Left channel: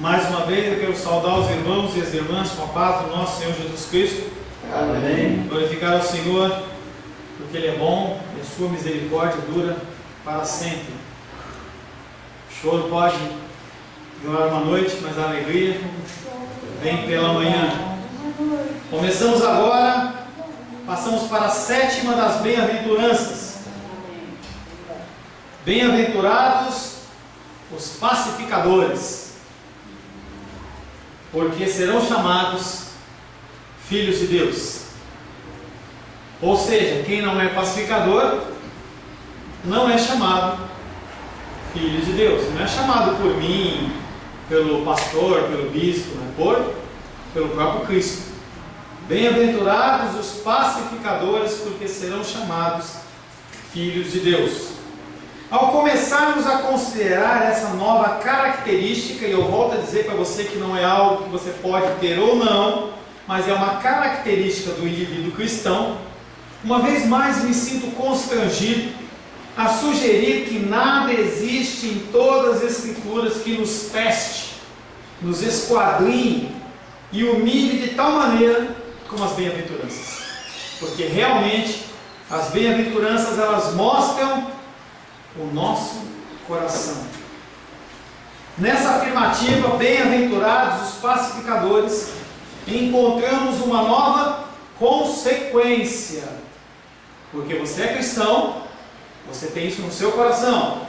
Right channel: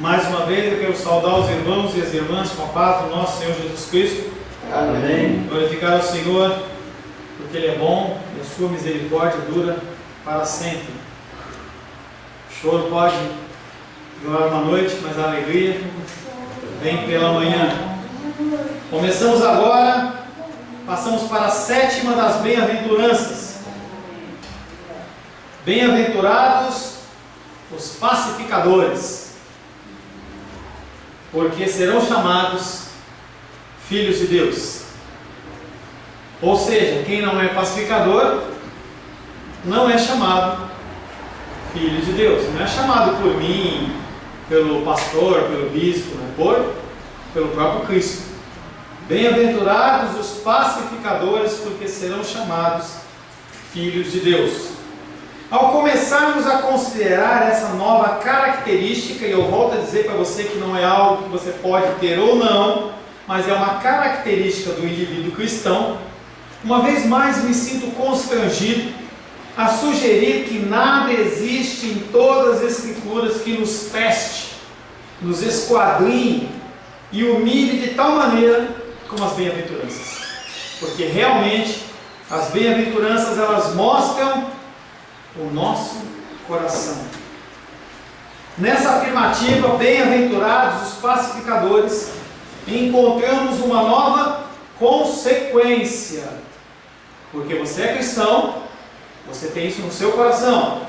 Mais uma vez eu quero saudar os irmãos e as irmãs com a paz do nosso Senhor Jesus Cristo. Amém. Glorificar ao Senhor, porque Ele é bom e a sua misericórdia dura para sempre. O choro pode durar uma noite, mas a alegria vem pela manhã. Começamos agora, passamos para a sétima das bem-aventuranças. Bem-aventurados os pacificadores, porque serão chamados filhos de Deus. Ou seja, quem não é pacificador não é chamado filho de Deus. Não é chamado por mim, pelo pastor, pelo bispo, pelo próprio Cristo. Bem-aventurados os pacificadores, porque serão chamados filhos de Deus. Ao começarmos a considerar essa nova característica, e eu volto a dizer para você que não é algo que você pode ter ou não, mas é uma característica do indivíduo cristão, uma vez mais me sinto constrangido a sugerir que nada existe em todas as Escrituras que nos teste, nos esquadrinhe e humilhe de tal maneira como as bem-aventuranças. Porque realmente as bem-aventuranças elas mostram o nosso coração. Nessa afirmativa, bem-aventurados os pacificadores, encontramos uma nova consequência. Porque você é cristão, você tem isso no seu coração.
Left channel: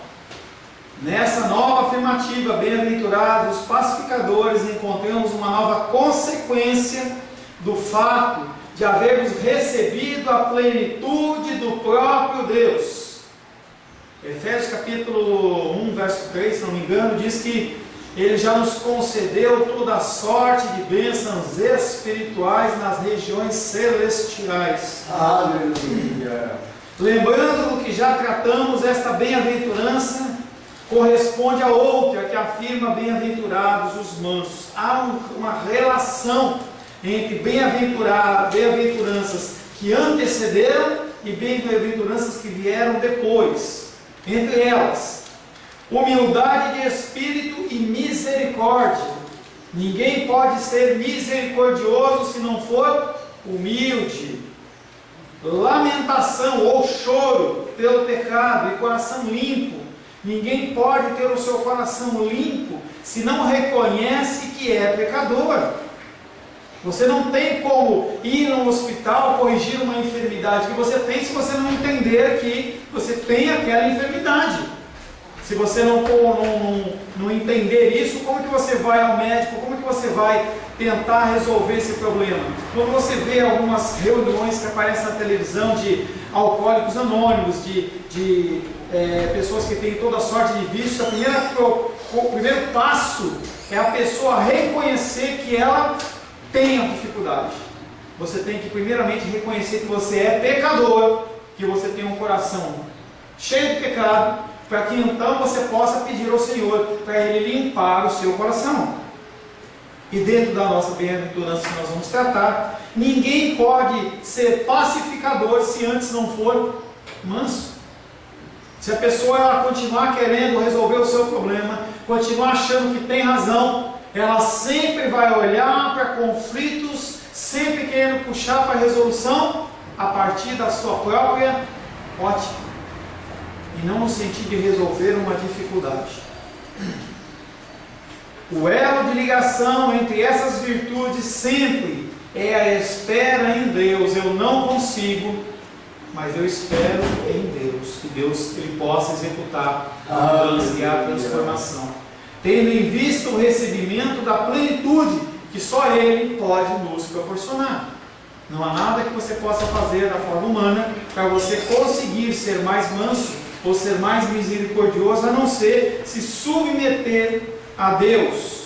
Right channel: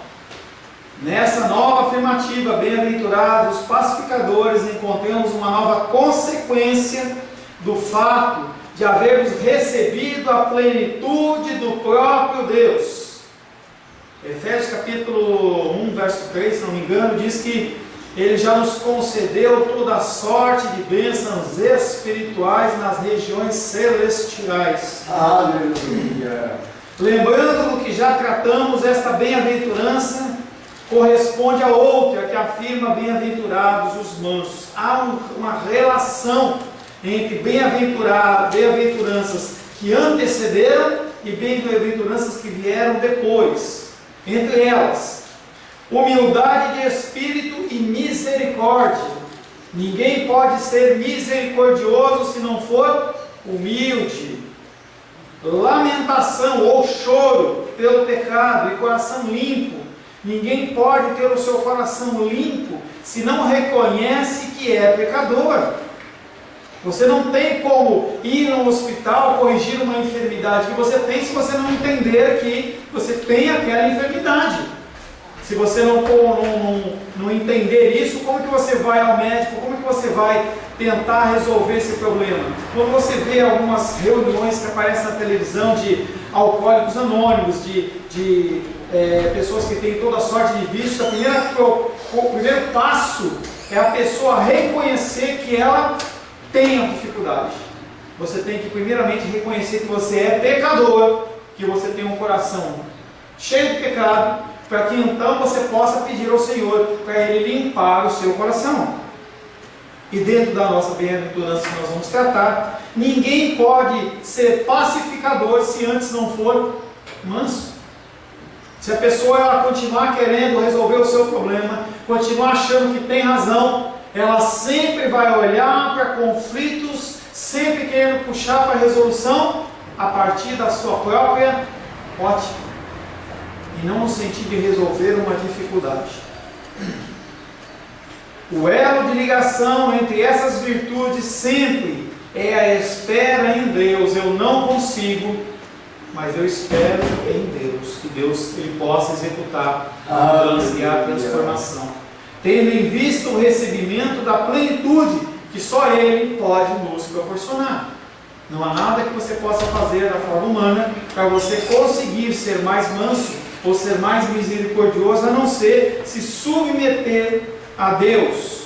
Nessa nova afirmativa, bem-aventurados os pacificadores, encontramos uma nova consequência do fato de havermos recebido a plenitude do próprio Deus. Efésios capítulo 1, verso 3, se não me engano, diz que Ele já nos concedeu toda a sorte de bênçãos espirituais nas regiões celestiais. Aleluia! Lembrando do que já tratamos, esta bem-aventurança corresponde a outra que afirma bem-aventurados os mansos. Há uma relação entre bem-aventuranças que antecederam e bem-aventuranças que vieram depois. Entre elas, humildade de espírito e misericórdia. Ninguém pode ser misericordioso se não for humilde. Lamentação ou choro pelo pecado e coração limpo. Ninguém pode ter o seu coração limpo se não reconhece que é pecador. Você não tem como ir no hospital corrigir uma enfermidade que você tem se você não entender que você tem aquela enfermidade. Se você não entender isso, como que você vai ao médico? Como que você vai tentar resolver esse problema? Quando você vê algumas reuniões que aparecem na televisão de alcoólicos anônimos, de pessoas que têm toda sorte de vício, o primeiro passo é a pessoa reconhecer que ela tem a dificuldade. Você tem que primeiramente reconhecer que você é pecador, que você tem um coração cheio de pecado, para que então você possa pedir ao Senhor para Ele limpar o seu coração. E dentro da nossa bem-aventurança que nós vamos tratar, ninguém pode ser pacificador se antes não for manso. Se a pessoa ela continuar querendo resolver o seu problema, continuar achando que tem razão, ela sempre vai olhar para conflitos, sempre querendo puxar para a resolução a partir da sua própria ótica, e não no sentido de resolver uma dificuldade. O elo de ligação entre essas virtudes sempre é a espera em Deus. Eu não consigo, mas eu espero em Deus, que Deus Ele possa executar a mudança e a transformação, tendo em vista o recebimento da plenitude que só Ele pode nos proporcionar. Não há nada que você possa fazer da forma humana para você conseguir ser mais manso ou ser mais misericordioso, a não ser se submeter a Deus.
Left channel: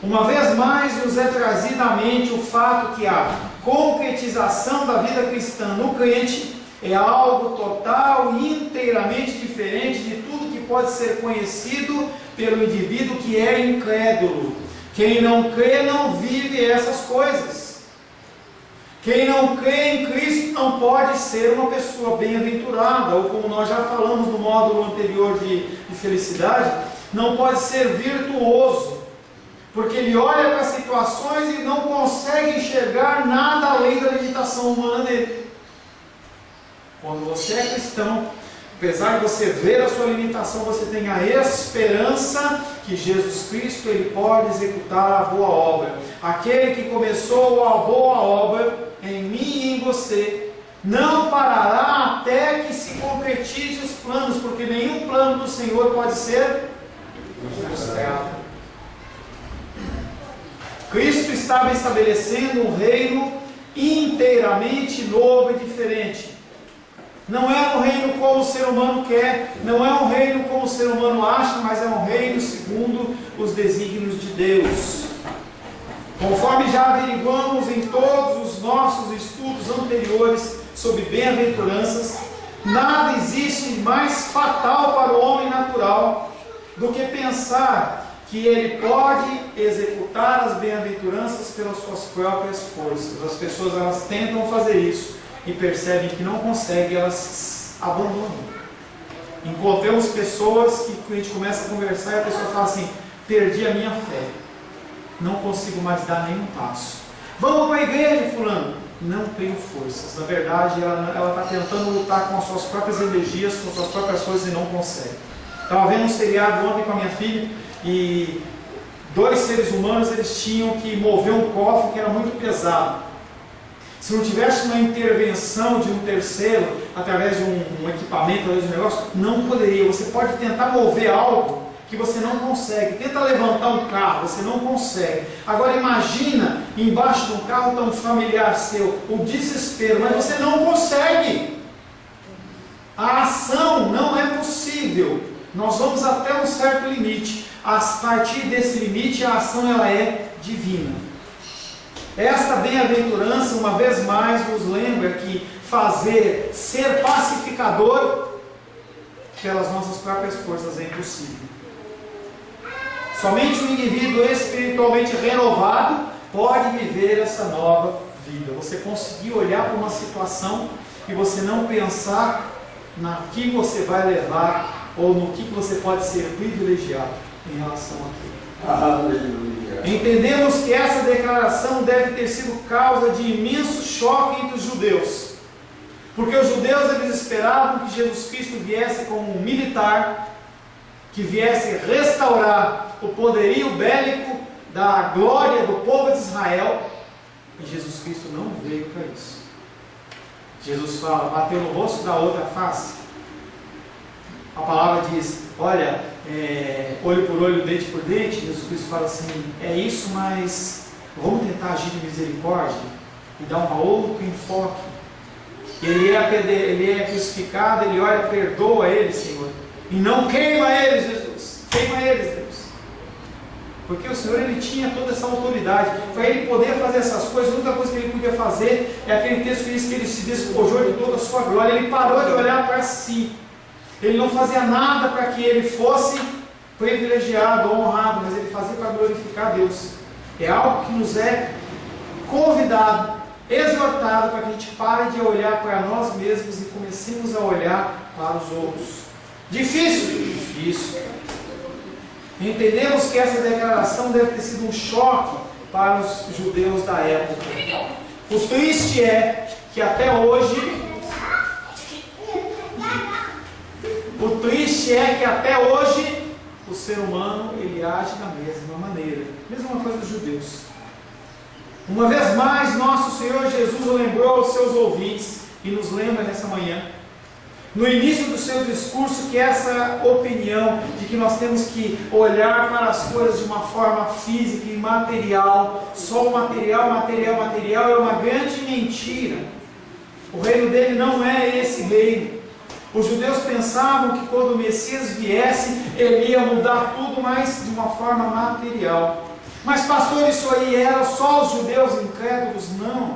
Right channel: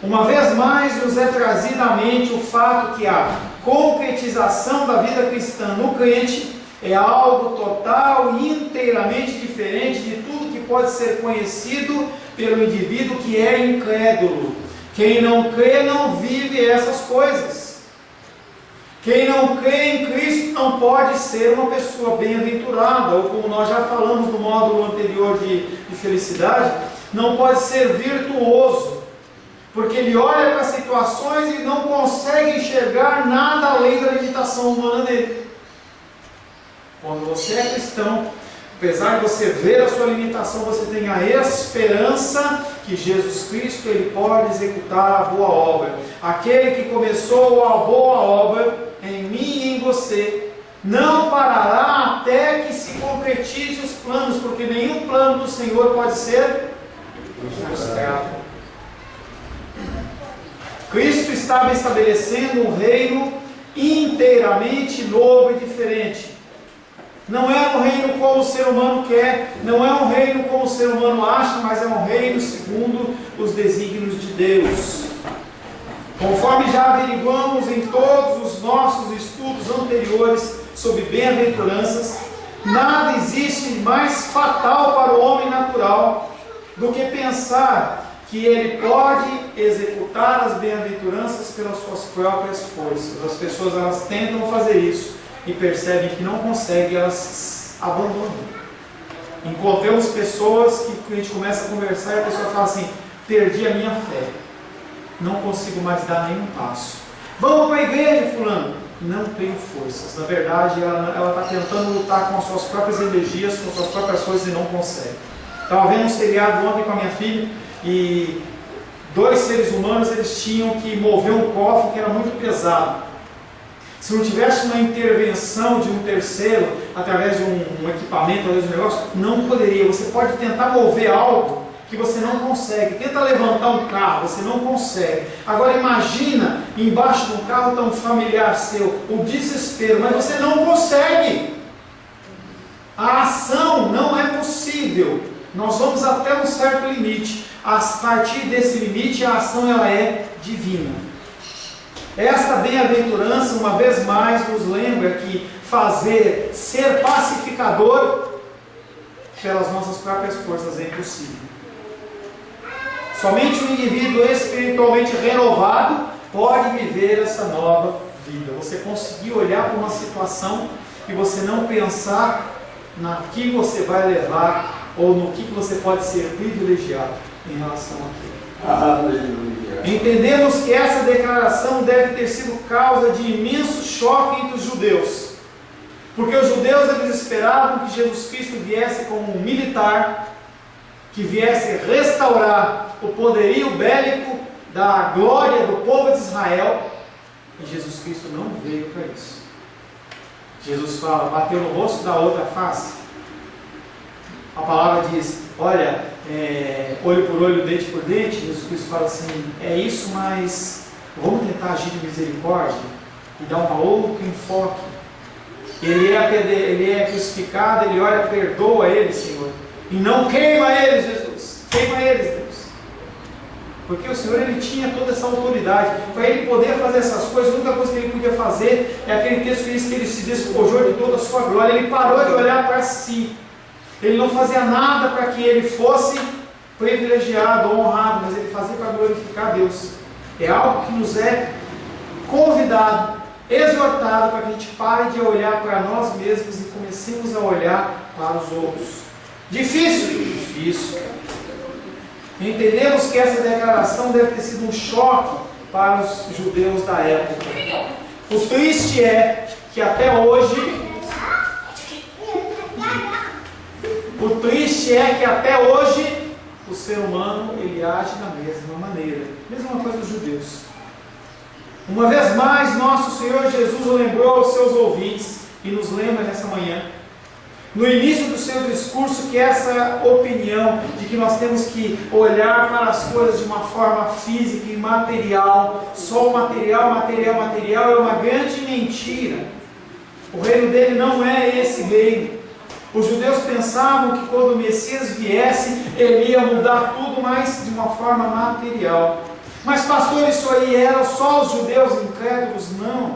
Uma vez mais nos é trazido à mente o fato que a concretização da vida cristã no crente é algo total e inteiramente diferente de tudo que pode ser conhecido pelo indivíduo que é incrédulo. Quem não crê não vive essas coisas. Quem não crê em Cristo não pode ser uma pessoa bem-aventurada, ou como nós já falamos no módulo anterior de felicidade, não pode ser virtuoso. Porque ele olha para as situações e não consegue enxergar nada além da limitação humana dele. Quando você é cristão, apesar de você ver a sua limitação, você tem a esperança que Jesus Cristo ele pode executar a boa obra. Aquele que começou a boa obra em mim e em você, não parará até que se concretize os planos, porque nenhum plano do Senhor pode ser frustrado. Cristo estava estabelecendo um reino inteiramente novo e diferente. Não é um reino como o ser humano quer, não é um reino como o ser humano acha, mas é um reino segundo os desígnios de Deus. Conforme já averiguamos em todos os nossos estudos anteriores sobre bem-aventuranças, nada existe mais fatal para o homem natural do que pensar que ele pode executar as bem-aventuranças pelas suas próprias forças. As pessoas elas tentam fazer isso e percebem que não conseguem, elas abandonam. Encontramos pessoas que a gente começa a conversar e a pessoa fala assim: perdi a minha fé, não consigo mais dar nenhum passo. Vamos para a igreja, fulano. Não tenho forças. Na verdade, ela está tentando lutar com as suas próprias energias, com as suas próprias forças e não consegue. Estava vendo um seriado ontem com a minha filha e 2 seres humanos eles tinham que mover um cofre que era muito pesado. Se não tivesse uma intervenção de um terceiro, através de um equipamento, através de um negócio, não poderia. Você pode tentar mover algo que você não consegue. Tenta levantar um carro, você não consegue. Agora imagina, embaixo de um carro está um familiar seu, o desespero, mas você não consegue. A ação não é possível. Nós vamos até um certo limite. A partir desse limite, a ação ela é divina. Esta bem-aventurança, uma vez mais, nos lembra que ser pacificador pelas nossas próprias forças é impossível. Somente um indivíduo espiritualmente renovado pode viver essa nova vida. Você conseguir olhar para uma situação e você não pensar na que você vai levar ou no que você pode ser privilegiado em relação àquilo. Aleluia. Entendemos que essa declaração deve ter sido causa de imenso choque entre os judeus, porque os judeus eles esperavam que Jesus Cristo viesse como um militar, que viesse restaurar o poderio bélico da glória do povo de Israel, e Jesus Cristo não veio para isso. Jesus fala, bateu no rosto da outra face. A palavra diz, olha, olho por olho, dente por dente. Jesus Cristo fala assim, é isso, mas vamos tentar agir de misericórdia e dar um outro enfoque. Ele é crucificado, ele olha, perdoa ele, Senhor, e não queima eles, Jesus, queima eles, Deus. Porque o Senhor ele tinha toda essa autoridade, para ele poder fazer essas coisas. A única coisa que ele podia fazer é aquele texto que diz que ele se despojou de toda a sua glória, ele parou de olhar para si. Ele não fazia nada para que ele fosse privilegiado ou honrado, mas ele fazia para glorificar a Deus. É algo que nos é convidado, exortado, para que a gente pare de olhar para nós mesmos e comecemos a olhar para os outros. Difícil? Difícil. Entendemos que essa declaração deve ter sido um choque para os judeus da época. O triste é que até hoje o ser humano ele age da mesma maneira. Mesma coisa dos judeus. Uma vez mais, nosso Senhor Jesus lembrou aos seus ouvintes e nos lembra nessa manhã, no início do seu discurso, que essa opinião de que nós temos que olhar para as coisas de uma forma física e material, só o material é uma grande mentira. O reino dele não é esse reino. Os judeus pensavam que quando o Messias viesse, ele ia mudar tudo, mas de uma forma material. Mas pastor, isso aí era só os judeus incrédulos? Não.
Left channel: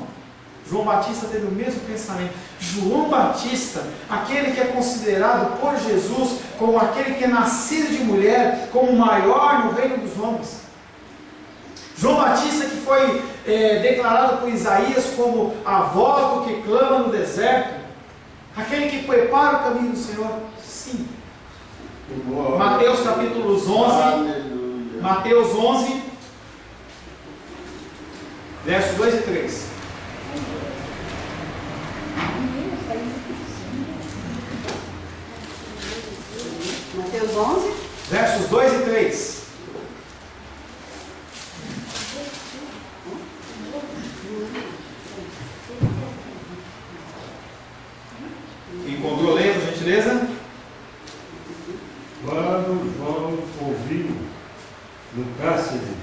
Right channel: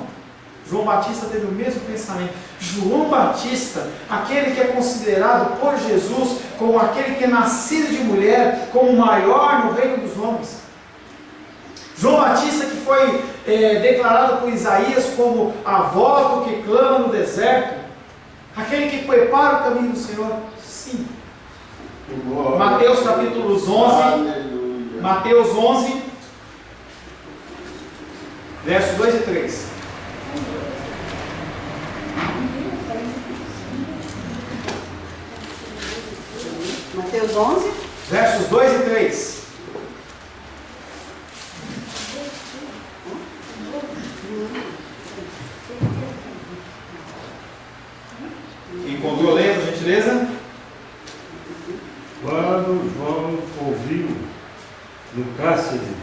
João Batista teve o mesmo pensamento. João Batista, aquele que é considerado por Jesus como aquele que é nascido de mulher, como o maior no reino dos homens. João Batista que foi declarado por Isaías como a voz do que clama no deserto. Aquele que prepara o caminho do Senhor. Sim. Glória. Mateus capítulo 11. Aleluia. Mateus 11, Versos 2 e 3. Mateus 11. Versos 2 e 3. Encontrou, leia, por gentileza? Quando João ouviu no cárcere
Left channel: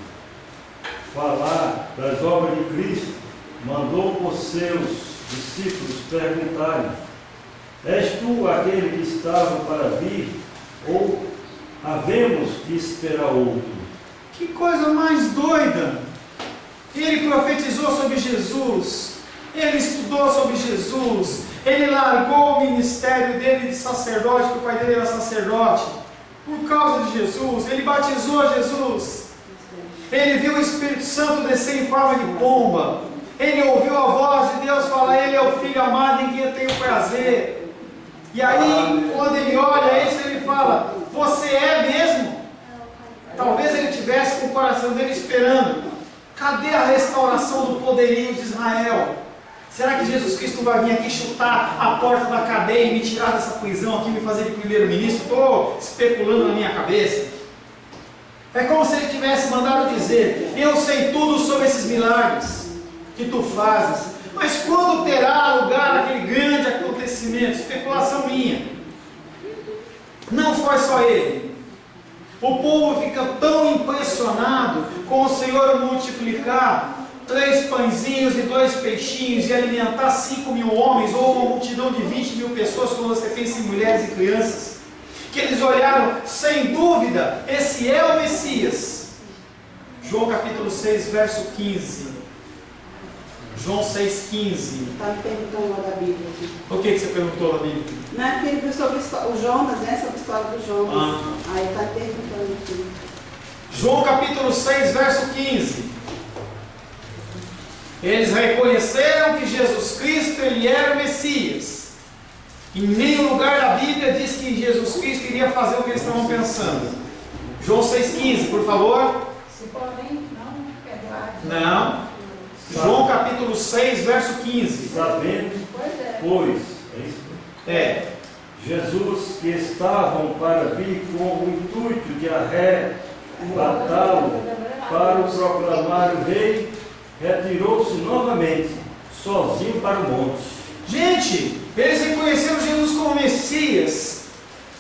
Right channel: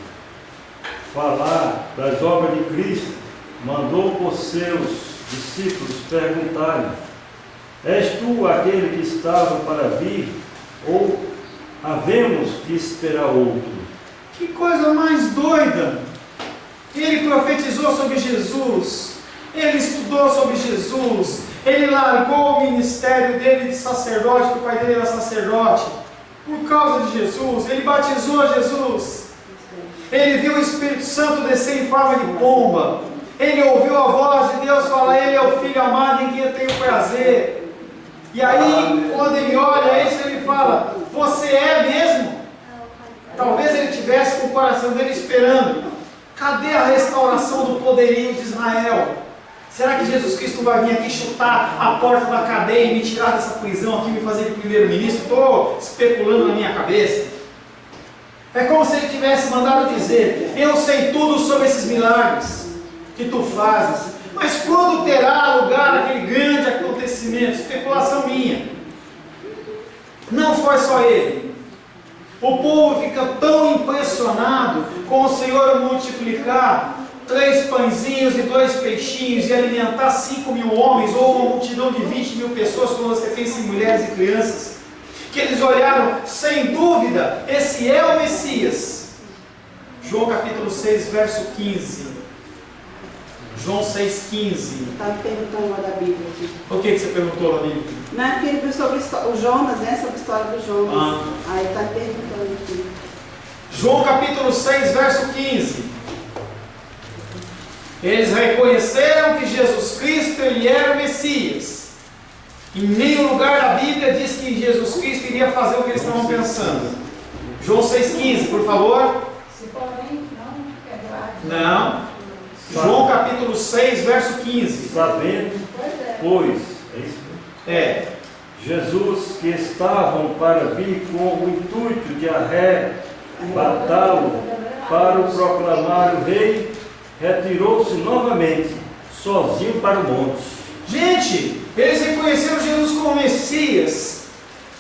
falar das obras de Cristo, mandou por seus discípulos perguntarem: És tu aquele que estava para vir, ou havemos de esperar outro? Que coisa mais doida! Ele profetizou sobre Jesus, ele estudou sobre Jesus, ele largou o ministério dele de sacerdote, porque o pai dele era sacerdote, por causa de Jesus. Ele batizou Jesus, ele viu o Espírito Santo descer em forma de pomba, ele ouviu a voz de Deus falar: Ele é o Filho amado em quem eu tenho prazer. E aí, quando ele olha isso, ele fala: Você é mesmo? Talvez ele tivesse com o coração dele esperando: cadê a restauração do poderio de Israel? Será que Jesus Cristo vai vir aqui chutar a porta da cadeia e me tirar dessa prisão aqui, me fazer de primeiro-ministro? Estou especulando na minha cabeça. É como se ele tivesse mandado dizer: Eu sei tudo sobre esses milagres que tu fazes, mas quando terá lugar aquele grande acontecimento? Especulação minha. Não foi só ele. O povo fica tão impressionado com o Senhor multiplicar 3 pãezinhos e 2 peixinhos e alimentar 5.000 homens, ou uma multidão de 20.000 pessoas, quando você pensa em mulheres e crianças, que eles olharam: sem dúvida, esse é o Messias. João capítulo 6, verso 15. João 6,15. Estava perguntando lá da Bíblia aqui. O que você perguntou na Bíblia? Não é porque ele viu sobre o Jonas, né? Sobre a história do Jonas. Ah. Aí está perguntando aqui. João capítulo 6, verso 15. Eles reconheceram que Jesus Cristo, ele era o Messias. Em nenhum lugar da Bíblia diz que Jesus Cristo iria fazer o que eles estavam pensando. João 6,15, por favor. Se porém não quebrar. Não. João capítulo 6, verso 15. Sabendo, pois, é isso? É. Jesus, que estavam para vir com o intuito de arrebatá-lo para o proclamar o rei, retirou-se novamente, sozinho para o monte. Gente, eles reconheceram Jesus como Messias,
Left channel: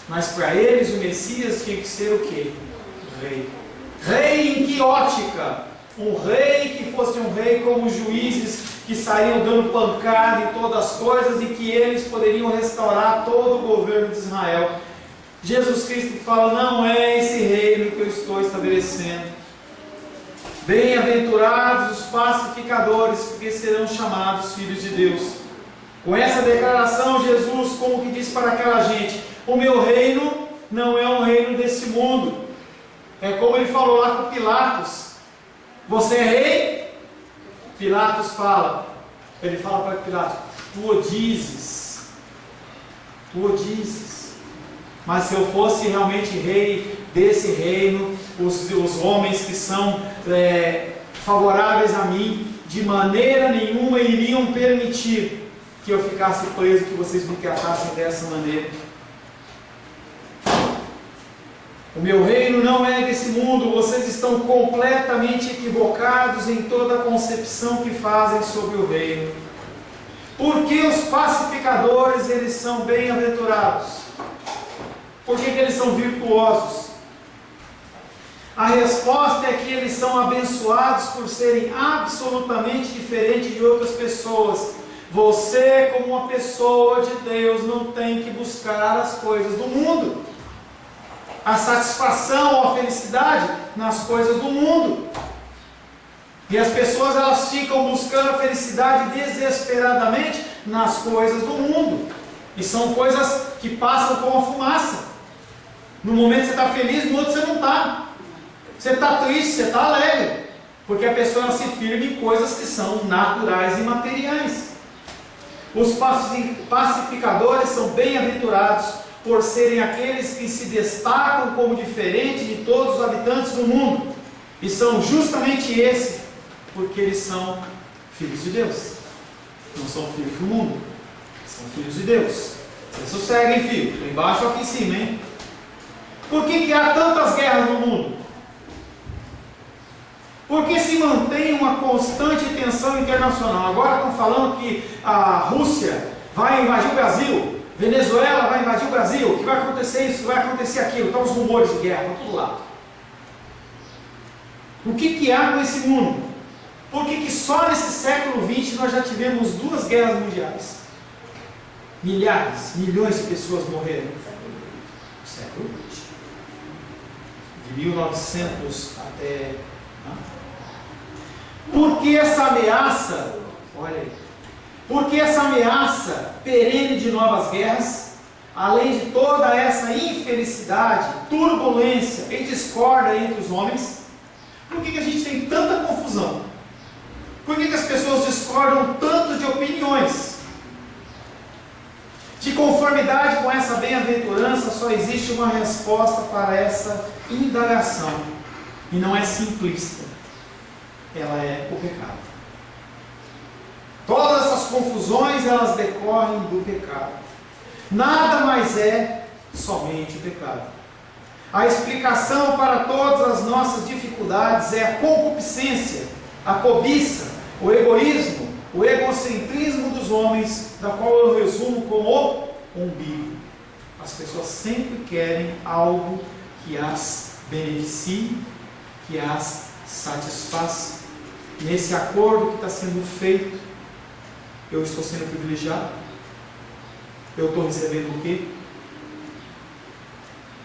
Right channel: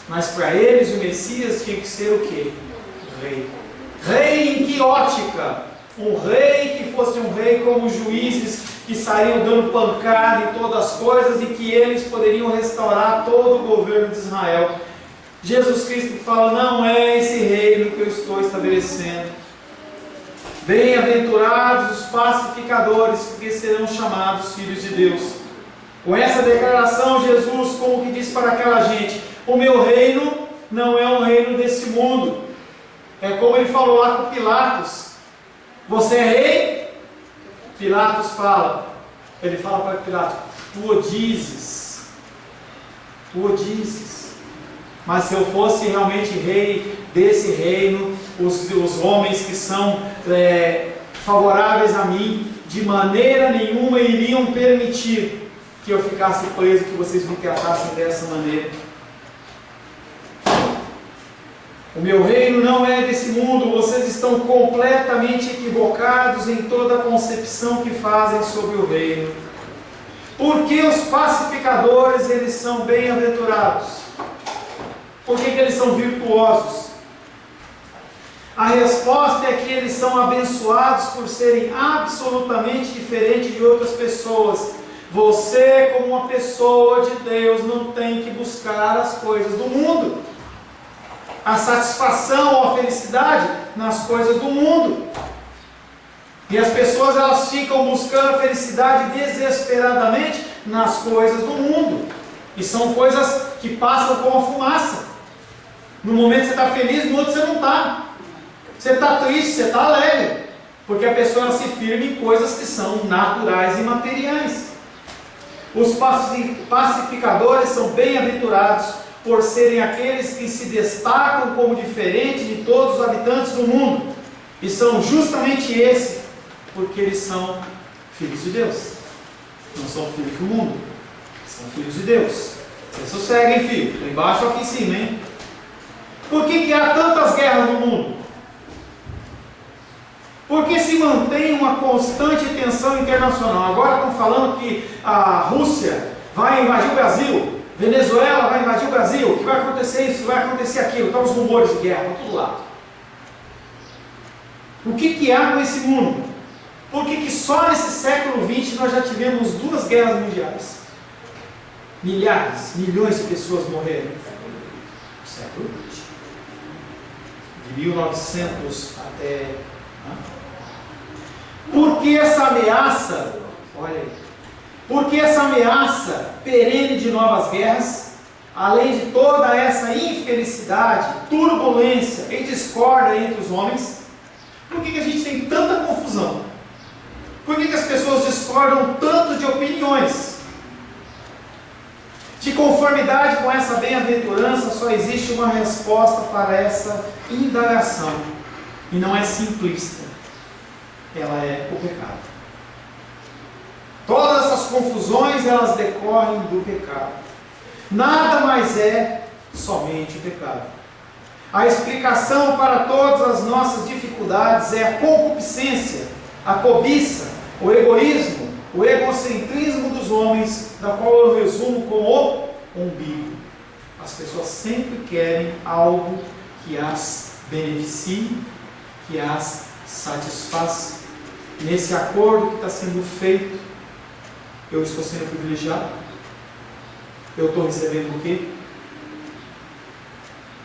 mas para eles o Messias tinha que ser o quê? Rei. Rei em que ótica? Um rei que fosse um rei como os juízes que saíam dando pancada em todas as coisas e que eles poderiam restaurar todo o governo de Israel. Jesus Cristo fala: não é esse reino que eu estou estabelecendo. Bem-aventurados os pacificadores, porque serão chamados filhos de Deus. Com essa declaração, Jesus como que diz para aquela gente: o meu reino não é um reino desse mundo. É como ele falou lá com Pilatos: você é rei? Pilatos fala, ele fala para Pilatos: tu o dizes, mas se eu fosse realmente rei desse reino, os homens que são favoráveis a mim, de maneira nenhuma iriam permitir que eu ficasse preso, que vocês me tratassem dessa maneira. O meu reino não é desse mundo. Vocês estão completamente equivocados em toda a concepção que fazem sobre o reino. Porque os pacificadores, eles são bem-aventurados. Por que eles são virtuosos? A resposta é que eles são abençoados por serem absolutamente diferentes de outras pessoas. Você, como uma pessoa de Deus, não tem que buscar as coisas do mundo, a satisfação ou a felicidade nas coisas do mundo. E as pessoas, elas ficam buscando a felicidade desesperadamente nas coisas do mundo, e são coisas que passam como a fumaça. No momento você está feliz, no outro você não está. Você está triste, você está alegre, porque a pessoa ela se firma em coisas que são naturais e materiais. Os pacificadores são bem-aventurados por serem aqueles que se destacam como diferentes de todos os habitantes do mundo, e são justamente esses, porque eles são filhos de Deus. Não são filhos do mundo, são filhos de Deus. Vocês sosseguem, filho. Estou embaixo ou aqui em cima, hein? Por que há tantas guerras no mundo? Porque se mantém uma constante tensão internacional. Agora estão falando que a Rússia vai invadir o Brasil, Venezuela vai invadir o Brasil, que vai acontecer isso, que vai acontecer aquilo. Estão os rumores de guerra para todo lado. O que há nesse mundo? Por que só nesse século XX nós já tivemos 2 guerras mundiais? Milhares, milhões de pessoas morreram. No século XX. De 1900 até... Por que essa ameaça? Olha aí. Por que essa ameaça perene de novas guerras? Além de toda essa infelicidade, turbulência e discórdia entre os homens? Por que a gente tem tanta confusão? Por que as pessoas discordam tanto de opiniões? De conformidade com essa bem-aventurança, só existe uma resposta para essa indagação. E não é simplista. Ela é o pecado. Todas essas confusões, elas decorrem do pecado. Nada mais é somente o pecado. A explicação para todas as nossas dificuldades é a concupiscência, a cobiça, o egoísmo, o egocentrismo dos homens, da qual eu resumo como o umbigo. As pessoas sempre querem algo que as beneficie, que as satisfaça. Nesse acordo que está sendo feito, eu estou sendo privilegiado? Eu estou recebendo o quê?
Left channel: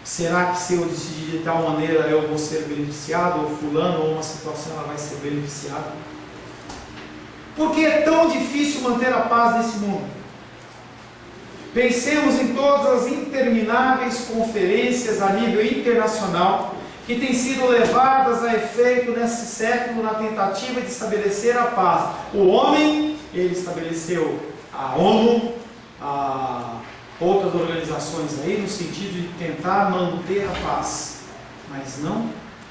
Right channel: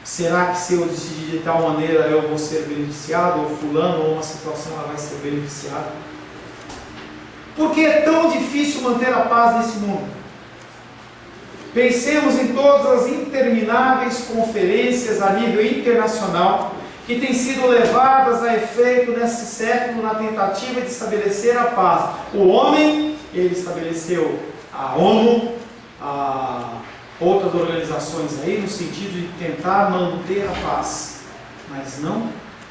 Será que se eu decidir de tal maneira eu vou ser beneficiado, ou fulano, ou uma situação ela vai ser beneficiada? Por que é tão difícil manter a paz nesse mundo? Pensemos em todas as intermináveis conferências a nível internacional que têm sido levadas a efeito nesse século na tentativa de estabelecer a paz. O homem, ele estabeleceu a ONU, outras organizações aí, no sentido de tentar manter a paz, mas não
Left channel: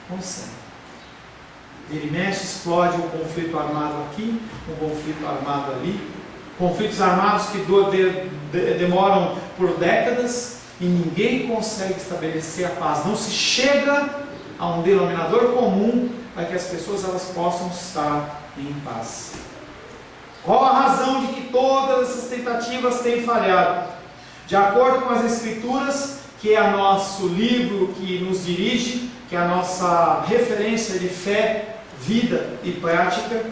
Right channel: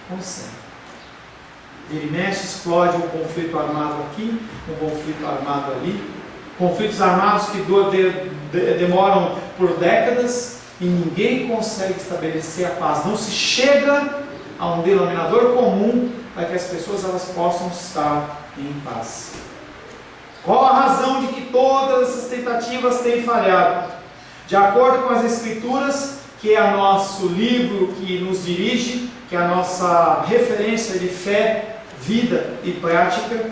consegue. Ele mexe, explode um conflito armado aqui, um conflito armado ali, conflitos armados que demoram por décadas e ninguém consegue estabelecer a paz. Não se chega a um denominador comum para que as pessoas elas possam estar em paz. Qual a razão de que todas essas tentativas têm falhado? De acordo com as Escrituras, que é o nosso livro que nos dirige, que é a nossa referência de fé, vida e prática,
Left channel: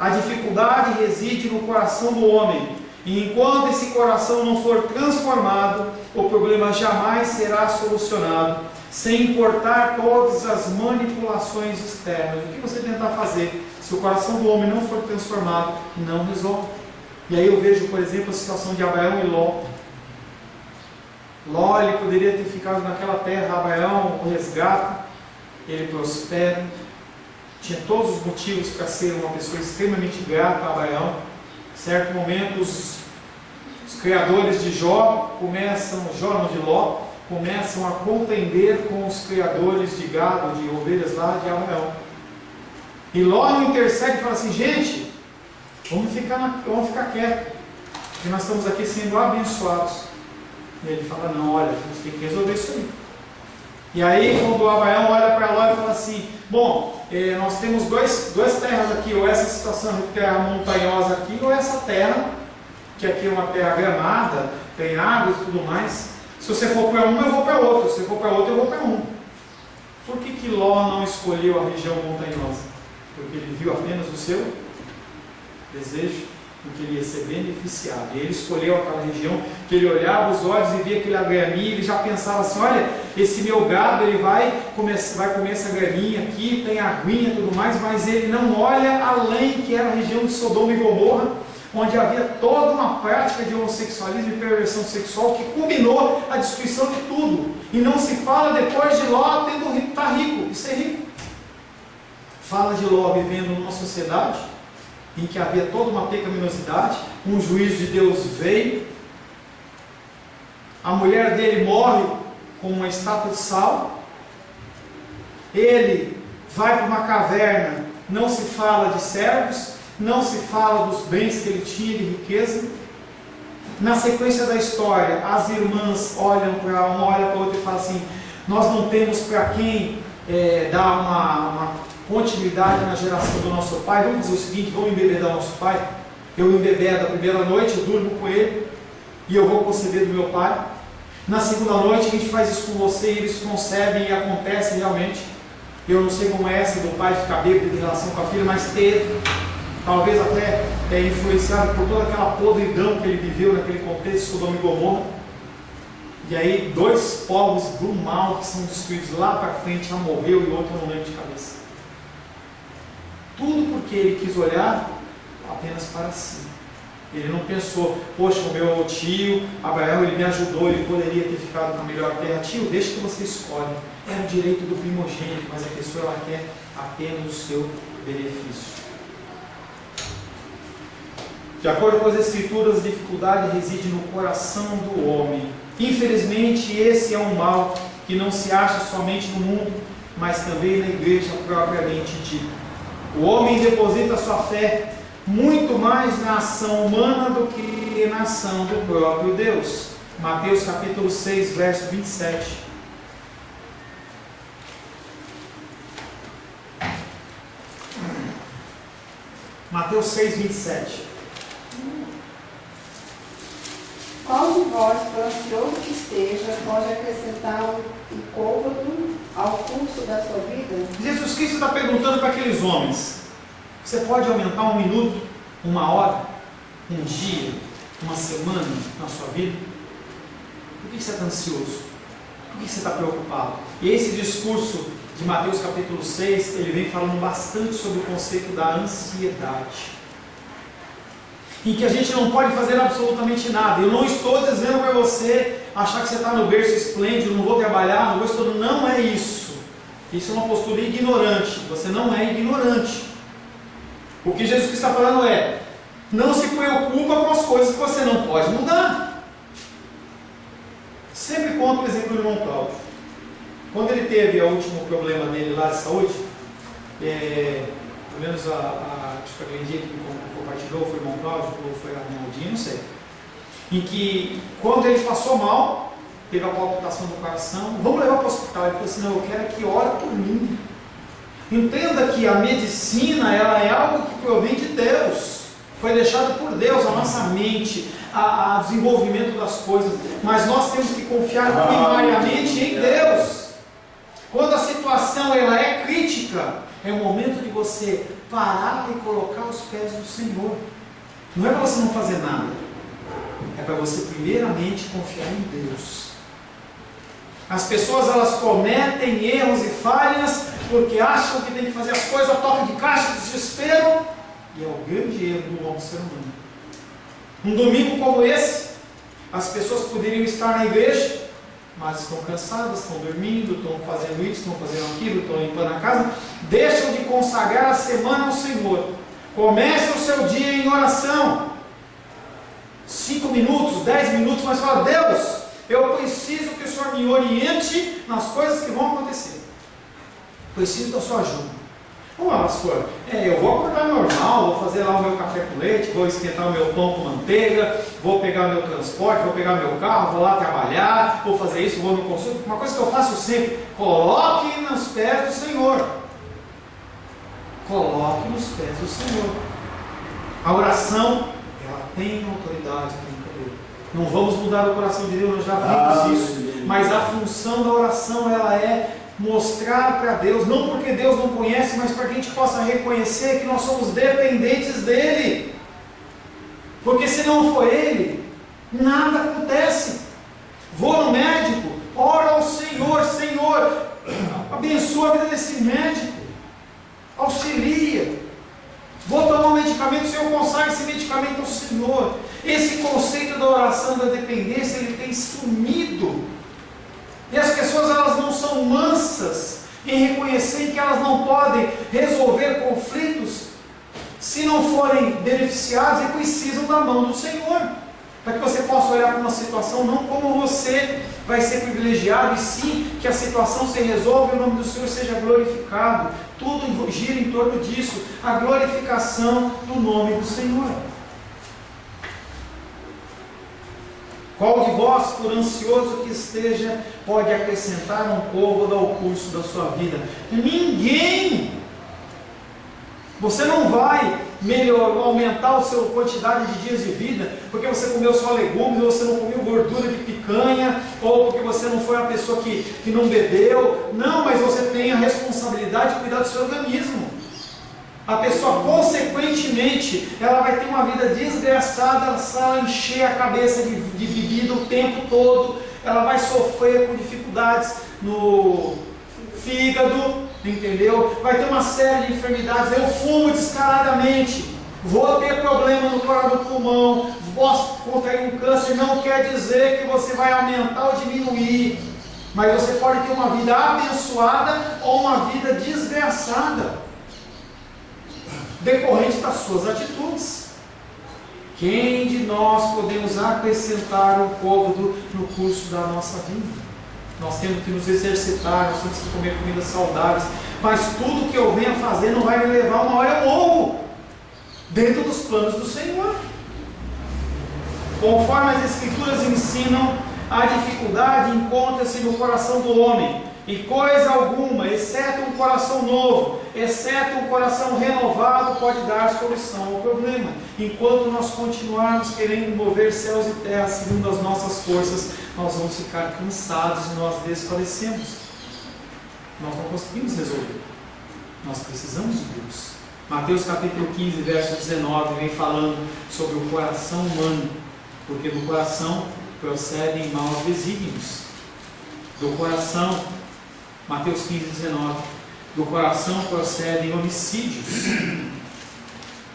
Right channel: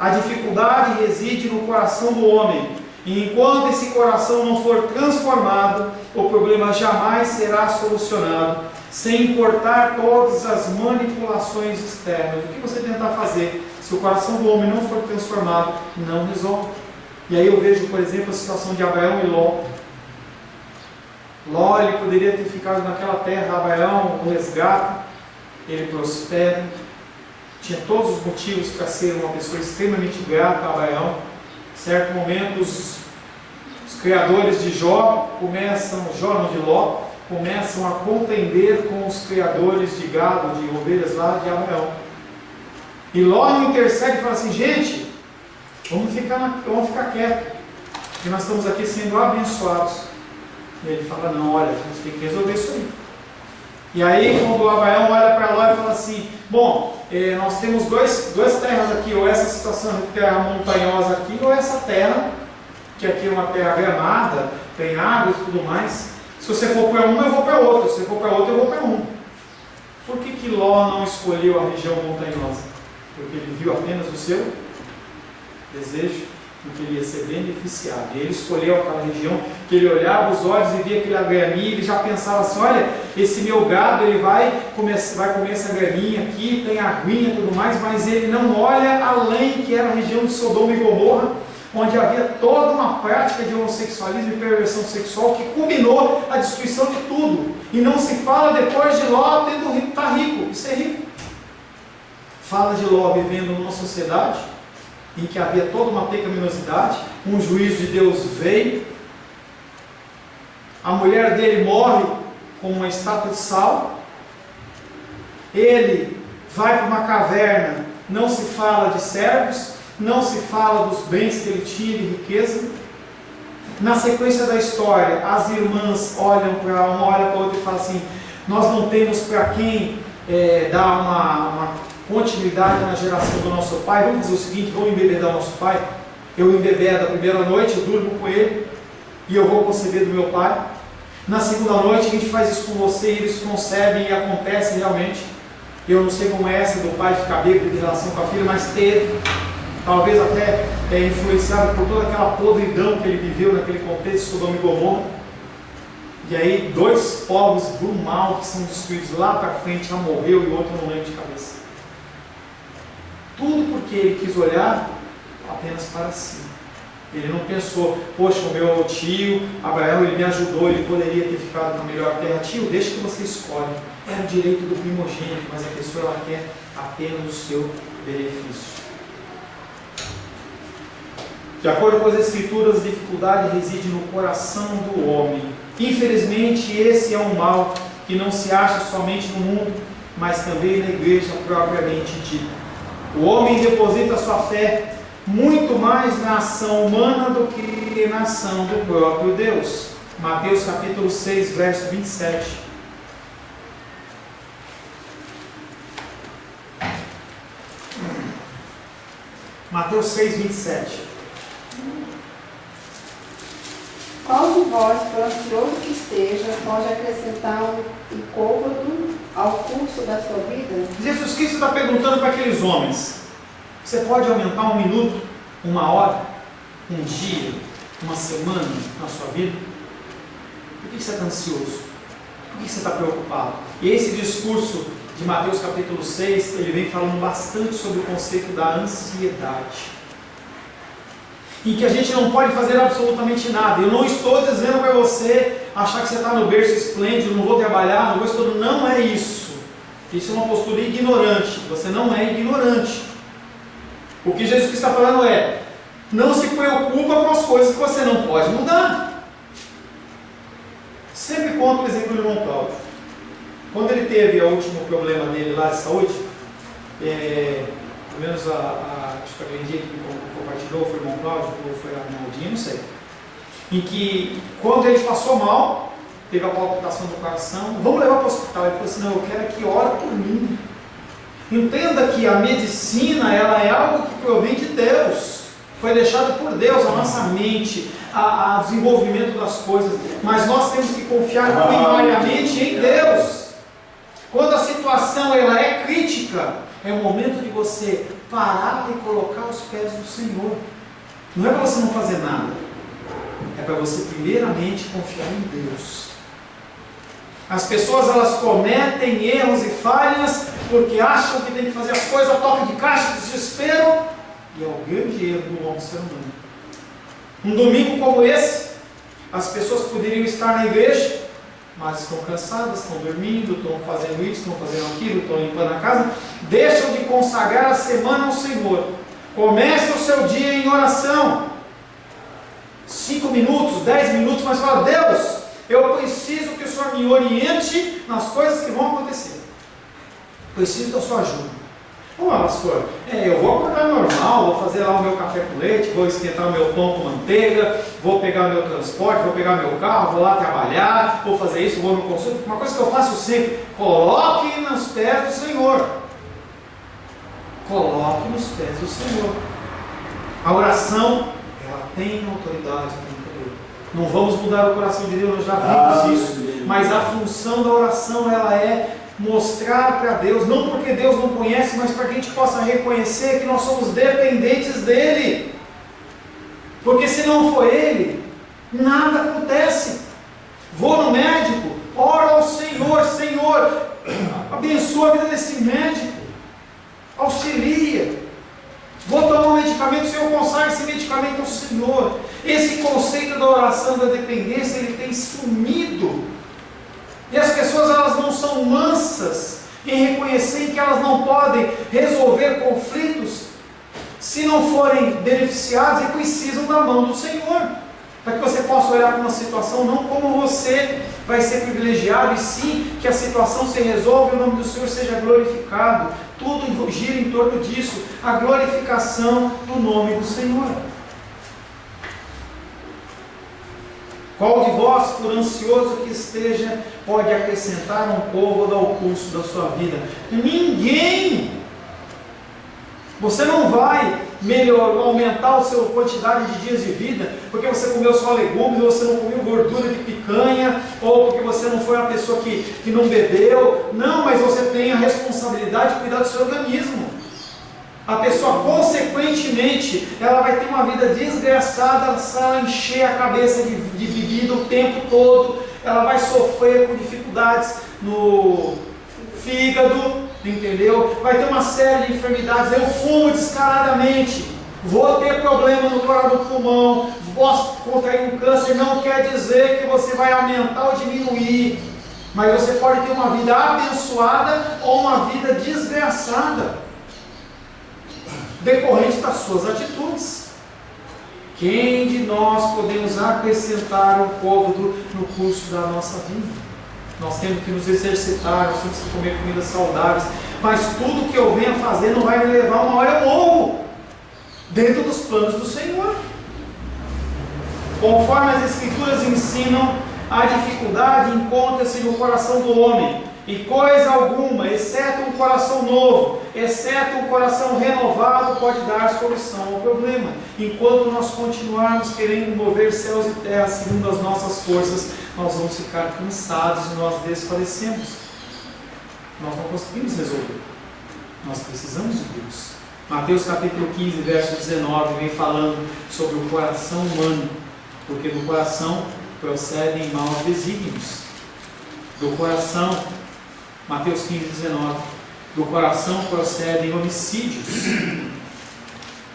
a dificuldade reside no coração do homem. E enquanto esse coração não for transformado, o problema jamais será solucionado, sem importar todas as manipulações externas. O que você tentar fazer, se o coração do homem não for transformado, não resolve. E aí eu vejo, por exemplo, a situação de Abraão e Ló. Ló, ele poderia ter ficado naquela terra. Abraão o resgata, ele prospera, tinha todos os motivos para ser uma pessoa extremamente grata a Abraão. Em certo momento, os criadores de Jó não de Ló, começam a contender com os criadores de gado, de ovelhas lá de Abraão. E Ló não intercede e fala assim: gente, vamos ficar quietos, porque nós estamos aqui sendo abençoados. E ele fala: não, olha, a gente tem que resolver isso aí. E aí, quando Abraão olha para Ló e fala assim: bom, nós temos duas terras aqui, ou essa situação de terra montanhosa aqui, ou essa terra, que aqui é uma terra gramada, tem água e tudo mais. Se você for para uma, eu vou para outra. Se você for para outra, eu vou para uma. Por que Ló não escolheu a região montanhosa? Porque ele viu apenas o seu desejo, porque ele ia ser beneficiado. E ele escolheu aquela região que ele olhava os olhos e via aquele graminha, e ele já pensava assim: olha, esse meu gado ele vai comer essa graminha aqui, tem aguinha e tudo mais, mas ele não olha além, que era a região de Sodoma e Gomorra, onde havia toda uma prática de homossexualismo e perversão sexual que culminou a destruição de tudo. E não se fala depois de Ló tendo estar rico e ser rico. Fala de Ló vivendo numa sociedade em que havia toda uma pecaminosidade, um juízo de Deus veio, a mulher dele morre com uma estátua de sal, ele vai para uma caverna não se fala de servos, não se fala dos bens que ele tinha de riqueza. Na sequência da história, as irmãs olham para uma, olha para outra e falam assim: nós não temos para quem dar uma continuidade na geração do nosso pai. Vamos fazer o seguinte, vamos embebedar o nosso pai. Eu embebedo a primeira noite, eu durmo com ele e eu vou conceber do meu pai. Na segunda noite a gente faz isso com você e eles concebem e acontece realmente. Eu não sei como é essa do pai ficar bêbado em relação com a filha, mas teve. Talvez até influenciado por toda aquela podridão que ele viveu naquele contexto de Sodoma e Gomorra. E aí 2 povos do mal que são destruídos lá para frente, já morreu e o outro eu não lembro de cabeça. Tudo porque ele quis olhar apenas para si. Ele não pensou: poxa, o meu tio Abraão, ele me ajudou, ele poderia ter ficado na melhor terra. Tio, deixa que você escolhe. Era o direito do primogênito, mas a pessoa ela quer apenas o seu benefício. De acordo com as Escrituras, a dificuldade reside no coração do homem. Infelizmente, esse é um mal que não se acha somente no mundo, mas também na igreja propriamente dita. O homem deposita sua fé muito mais na ação humana do que na ação do próprio Deus. Mateus capítulo 6, verso 27. Mateus 6, 27. Qual de vós, por ansioso que esteja, pode acrescentar um côvado ao curso da sua vida? Jesus Cristo está perguntando para aqueles homens: você pode aumentar 1 minuto, 1 hora, 1 dia, 1 semana na sua vida? Por que você está ansioso? Por que você está preocupado? E esse discurso de Mateus capítulo 6, ele vem falando bastante sobre o conceito da ansiedade, em que a gente não pode fazer absolutamente nada. Eu não estou dizendo para você achar que você está no berço esplêndido, não vou trabalhar, não vou estudar. Não é isso. Isso é uma postura ignorante. Você não é ignorante. O que Jesus Cristo está falando é: não se preocupa com as coisas que você não pode mudar. Sempre conto o exemplo do irmão Cláudio. Quando ele teve o último problema dele lá de saúde, pelo menos acho que aquele dia que compartilhou foi o irmão Cláudio ou foi a irmã Aldinha, não sei, em que quando ele passou mal, teve a palpitação do coração, vamos levar para o hospital. Ele falou assim: não, eu quero que ore por mim. Entenda que a medicina, ela é algo que provém de Deus, foi deixado por Deus, a nossa mente, o desenvolvimento das coisas, mas nós temos que confiar primariamente em Deus. Quando a situação ela é crítica, é o momento de você parar e colocar os pés do Senhor. Não é para você não fazer nada, é para você primeiramente confiar em Deus. As pessoas elas cometem erros e falhas porque acham que tem que fazer as coisas a toque de caixa, desespero, e é o grande erro do homem ser humano. Um domingo como esse, as pessoas poderiam estar na igreja, mas estão cansadas, estão dormindo, estão fazendo isso, estão fazendo aquilo, estão limpando a casa, deixam de consagrar a semana ao Senhor. Comece o seu dia em oração, 5 minutos, 10 minutos, mas fala: Deus, eu preciso que o Senhor me oriente nas coisas que vão acontecer. Preciso da sua ajuda. Pastor, eu vou acordar normal, vou fazer lá o meu café com leite, vou esquentar o meu pão com manteiga, vou pegar o meu transporte, vou pegar o meu carro, vou lá trabalhar, vou fazer isso, vou no consulta. Uma coisa que eu faço sempre: coloque nos pés do Senhor. Coloque nos pés do Senhor. A oração, ela tem autoridade, tem poder. Não vamos mudar o coração de Deus, nós já vimos isso. Mas a função da oração, ela é mostrar para Deus, não porque Deus não conhece, mas para que a gente possa reconhecer que nós somos dependentes dEle. Porque se não for Ele, nada acontece. Vou no médico, oro ao Senhor: Senhor, abençoa a vida desse médico, auxilia. Vou tomar um medicamento, o Senhor consagra esse medicamento ao Senhor. Esse conceito da oração, da dependência, ele tem sumido. E as pessoas elas não são mansas em reconhecer que elas não podem resolver conflitos se não forem beneficiadas e precisam da mão do Senhor. Para que você possa olhar para uma situação não como você vai ser privilegiado, e sim que a situação se resolve e o nome do Senhor seja glorificado. Tudo gira em torno disso, a glorificação do nome do Senhor. Qual de vós, por ansioso que esteja, pode acrescentar um côvado ao curso da sua vida? Ninguém! Você não vai aumentar a sua quantidade de dias de vida porque você comeu só legumes, ou você não comeu gordura de picanha, ou porque você não foi uma pessoa que não bebeu. Não, mas você tem a responsabilidade de cuidar do seu organismo. A pessoa, consequentemente, ela vai ter uma vida desgraçada se ela encher a cabeça de bebida o tempo todo. Ela vai sofrer com dificuldades no fígado, entendeu? Vai ter uma série de enfermidades. Eu fumo descaradamente, vou ter problema no coração do pulmão, posso contrair um câncer. Não quer dizer que você vai aumentar ou diminuir, mas você pode ter uma vida abençoada ou uma vida desgraçada, decorrente das suas atitudes. Quem de nós podemos acrescentar um côvado no curso da nossa vida? Nós temos que nos exercitar, nós temos que comer comidas saudáveis, mas tudo que eu venha fazer não vai me levar, uma hora eu morro, dentro dos planos do Senhor. Conforme as Escrituras ensinam, a dificuldade encontra-se no coração do homem, e coisa alguma, exceto um coração novo, exceto um coração renovado, pode dar solução ao problema. Enquanto nós continuarmos querendo mover céus e terra segundo as nossas forças, nós vamos ficar cansados e nós desfalecemos. Nós não conseguimos resolver. Nós precisamos de Deus. Mateus capítulo 15, verso 19, vem falando sobre o coração humano, porque do coração procedem maus desígnios. Do coração, Mateus 15, 19, do coração procedem homicídios,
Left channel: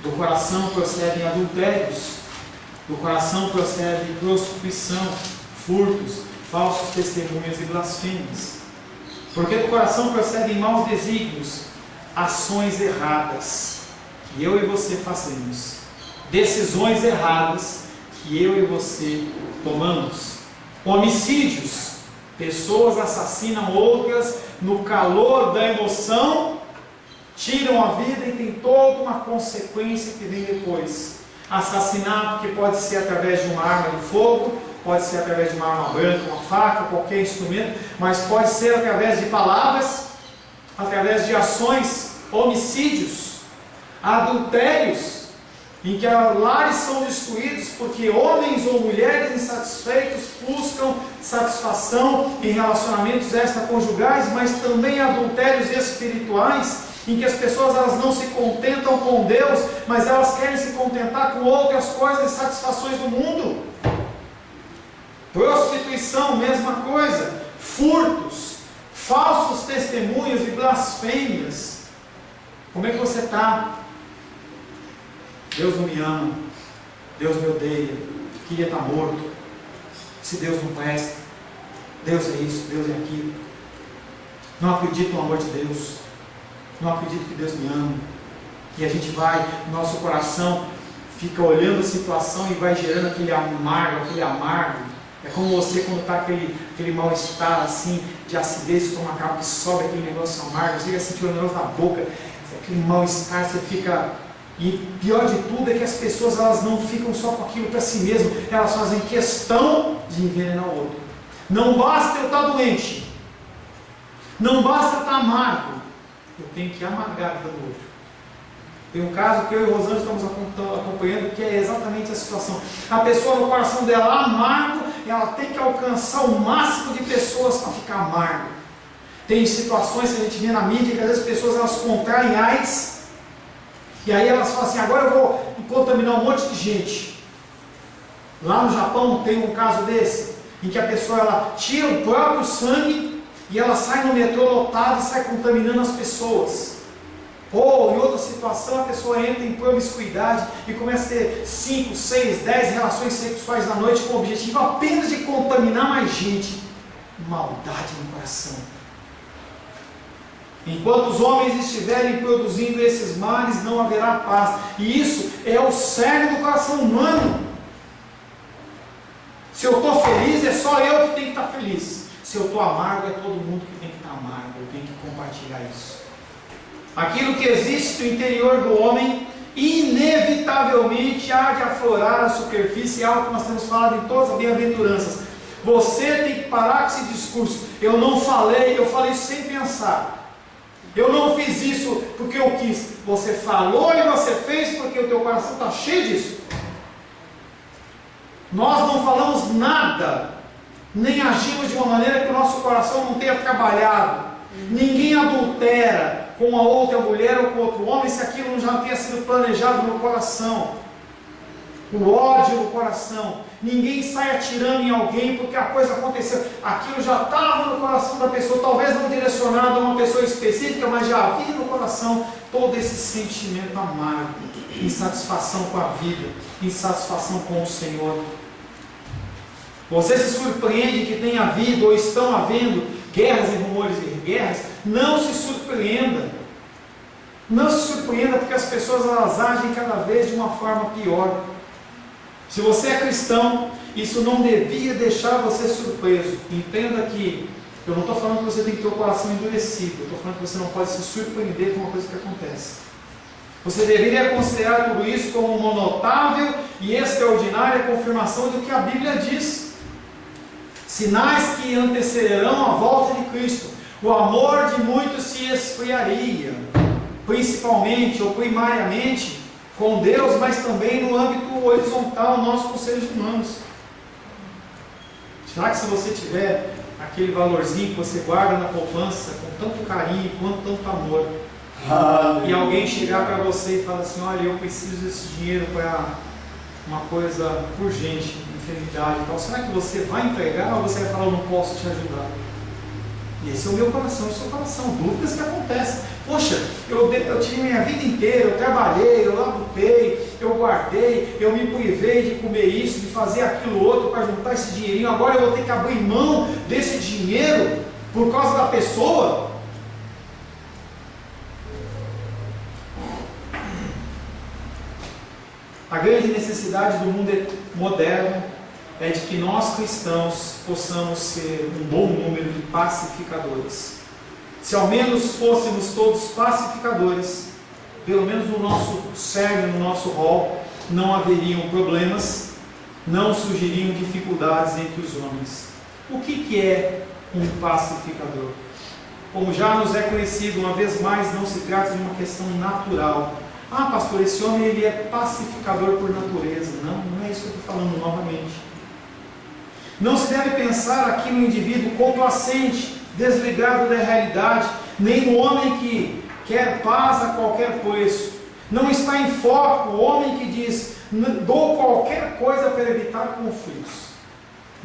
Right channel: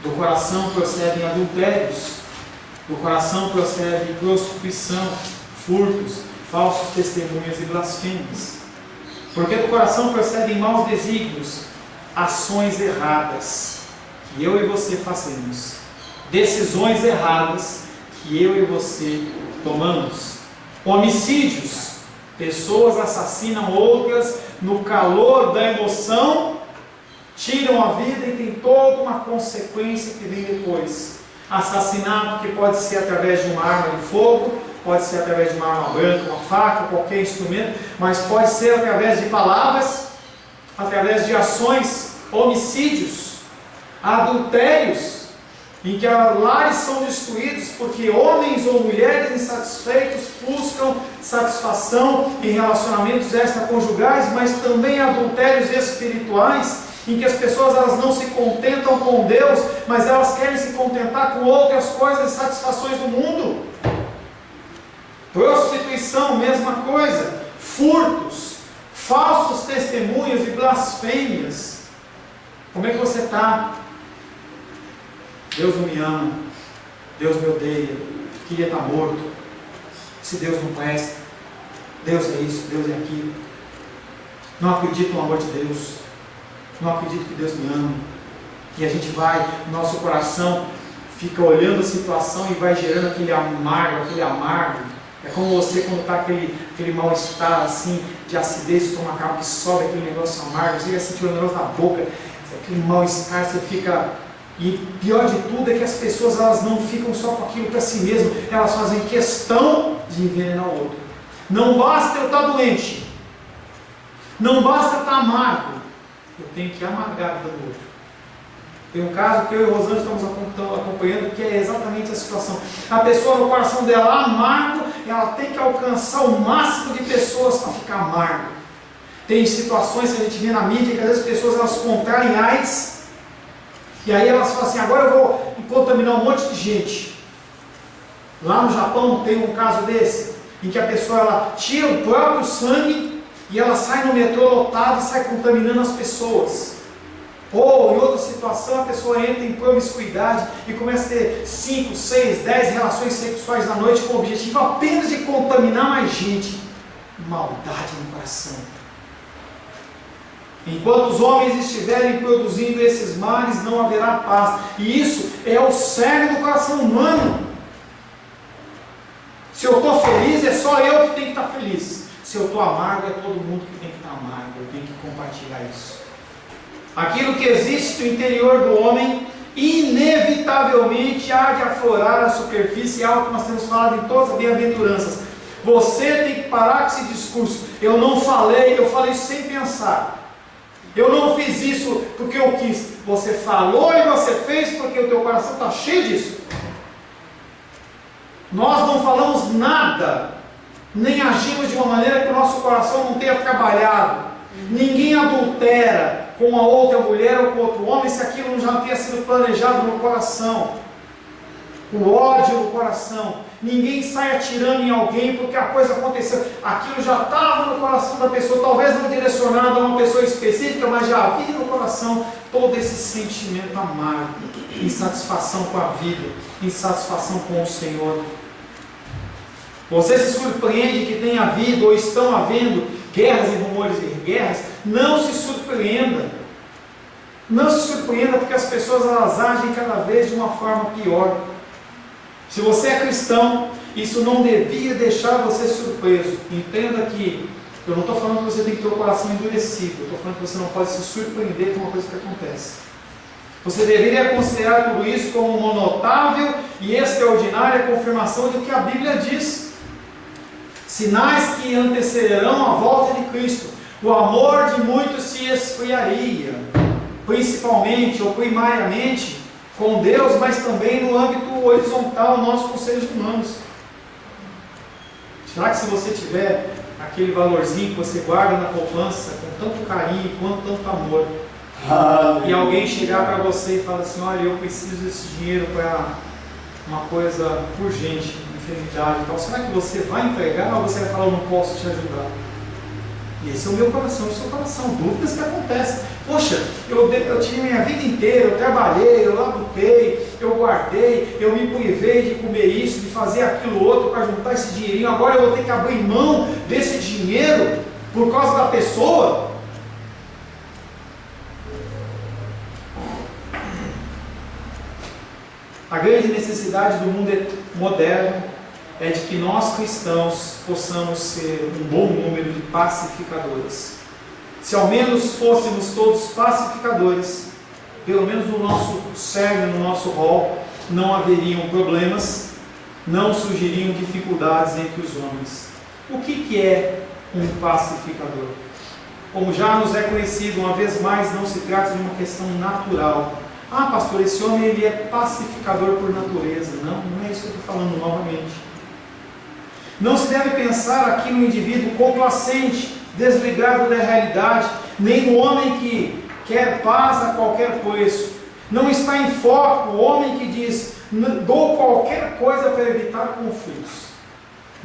do coração procedem adultérios, do coração procede prostituição, furtos, falsos testemunhos e blasfêmias. Porque do coração procedem maus desígnios, ações erradas que eu e você fazemos, decisões erradas que eu e você tomamos, homicídios, pessoas assassinam outras no calor da emoção, tiram a vida e tem toda uma consequência que vem depois. Assassinato que pode ser através de uma arma de fogo, pode ser através de uma arma branca, uma faca, qualquer instrumento, mas pode ser através de palavras, através de ações, homicídios, adultérios, em que lares são destruídos porque homens ou mulheres insatisfeitos buscam satisfação em relacionamentos extraconjugais, mas também adultérios espirituais, em que as pessoas elas não se contentam com Deus, mas elas querem se contentar com outras coisas e satisfações do mundo. Prostituição, mesma coisa. Furtos, falsos testemunhos e blasfêmias. Como é que você está? Deus não me ama, Deus me odeia, queria estar morto, se Deus não presta, Deus é isso, Deus é aquilo, não acredito no amor de Deus, não acredito que Deus me ama. E a gente vai, nosso coração fica olhando a situação e vai gerando aquele amargo. É como você quando está aquele mal-estar assim, de acidez estomacal, que sobe aquele negócio amargo, você fica sentindo o negócio na boca, aquele mal-estar, você fica... E pior de tudo é que as pessoas elas não ficam só com aquilo para si mesmas, elas fazem questão de envenenar o outro. Não basta eu estar doente, não basta eu estar amargo, eu tenho que amargar a vida do outro. Tem um caso que eu e Rosângela estamos acompanhando, que é exatamente a situação. A pessoa no coração dela amargo, ela tem que alcançar o máximo de pessoas para ficar amargo. Tem situações que a gente vê na mídia que às vezes as pessoas elas contraem AIDS, e aí elas falam assim, agora eu vou contaminar um monte de gente. Lá no Japão tem um caso desse, em que a pessoa ela tira o próprio sangue e ela sai no metrô lotado e sai contaminando as pessoas. Ou em outra situação a pessoa entra em promiscuidade e começa a ter 5, 6, 10 relações sexuais na noite com o objetivo apenas de contaminar mais gente. Maldade no coração. Enquanto os homens estiverem produzindo esses males, não haverá paz. E isso é o cerne do coração humano. Se eu estou feliz, é só eu que tenho que estar feliz. Se eu estou amargo, é todo mundo que tem que estar amargo. Eu tenho que compartilhar isso. Aquilo que existe no interior do homem, inevitavelmente há de aflorar a superfície, é algo que nós temos falado em todas as bem-aventuranças. Você tem que parar com esse discurso. Eu não falei, eu falei isso sem pensar. Eu não fiz isso porque eu quis. Você falou e você fez porque o teu coração está cheio disso. Nós não falamos nada, nem agimos de uma maneira que o nosso coração não tenha trabalhado. Ninguém adultera com uma outra mulher ou com outro homem se aquilo não já tenha sido planejado no coração. O ódio no coração. Ninguém sai atirando em alguém porque a coisa aconteceu. Aquilo já estava no coração da pessoa, talvez não direcionado a uma pessoa específica, mas já havia no coração todo esse sentimento amargo, insatisfação com a vida, insatisfação com o Senhor. Você se surpreende que tenha havido ou estão havendo guerras e rumores de guerras? Não se surpreenda. Não se surpreenda porque as pessoas elas agem cada vez de uma forma pior. Se você é cristão, isso não devia deixar você surpreso. Entenda que eu não estou falando que você tem que ter o coração endurecido. Eu estou falando que você não pode se surpreender com uma coisa que acontece. Você deveria considerar tudo isso como uma notável e extraordinária confirmação do que a Bíblia diz. Sinais que antecederão a volta de Cristo. O amor de muitos se esfriaria, principalmente ou primariamente com Deus, mas também no âmbito horizontal, nós com seres humanos. Será que se você tiver aquele valorzinho que você guarda na poupança com tanto carinho quanto tanto amor, e alguém chegar para você e falar assim, olha, eu preciso desse dinheiro para uma coisa urgente, enfermidade e tal, será que você vai entregar ou você vai falar, eu não posso te ajudar? Esse é o meu coração, o seu coração, dúvidas que acontecem. Poxa, eu tive minha vida inteira, eu trabalhei, eu labutei, eu guardei, eu me privei de comer isso, de fazer aquilo outro para juntar esse dinheirinho, agora eu vou ter que abrir mão desse dinheiro por causa da pessoa? A grande necessidade do mundo moderno é de que nós cristãos possamos ser um bom número de pacificadores. Se ao menos fôssemos todos pacificadores, pelo menos no nosso cerne, no nosso rol, não haveriam problemas, não surgiriam dificuldades entre os homens. O que é um pacificador? Como já nos é conhecido, uma vez mais, não se trata de uma questão natural. Ah, pastor, esse homem ele é pacificador por natureza. Não é isso que eu estou falando novamente. Não se deve pensar aqui no indivíduo complacente, desligado da realidade, nem no homem que quer paz a qualquer preço. Não está em foco o homem que diz, dou qualquer coisa para evitar conflitos.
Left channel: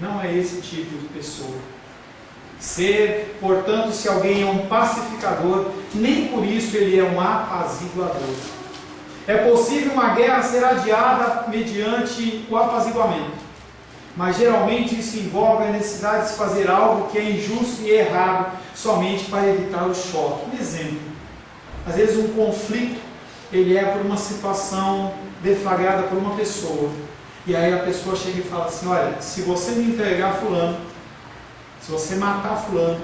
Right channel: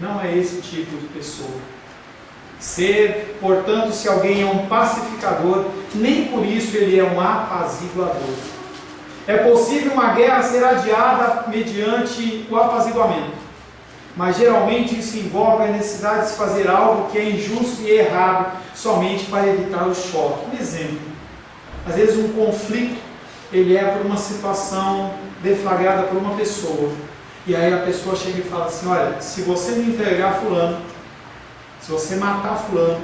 Não é esse tipo de pessoa. Portanto, se alguém é um pacificador, nem por isso ele é um apaziguador. É possível uma guerra ser adiada mediante o apaziguamento. Mas geralmente isso envolve a necessidade de se fazer algo que é injusto e errado, somente para evitar o choque. Um exemplo, às vezes um conflito, ele é por uma situação deflagrada por uma pessoa, e aí a pessoa chega e fala assim, olha, se você me entregar fulano, se você matar fulano,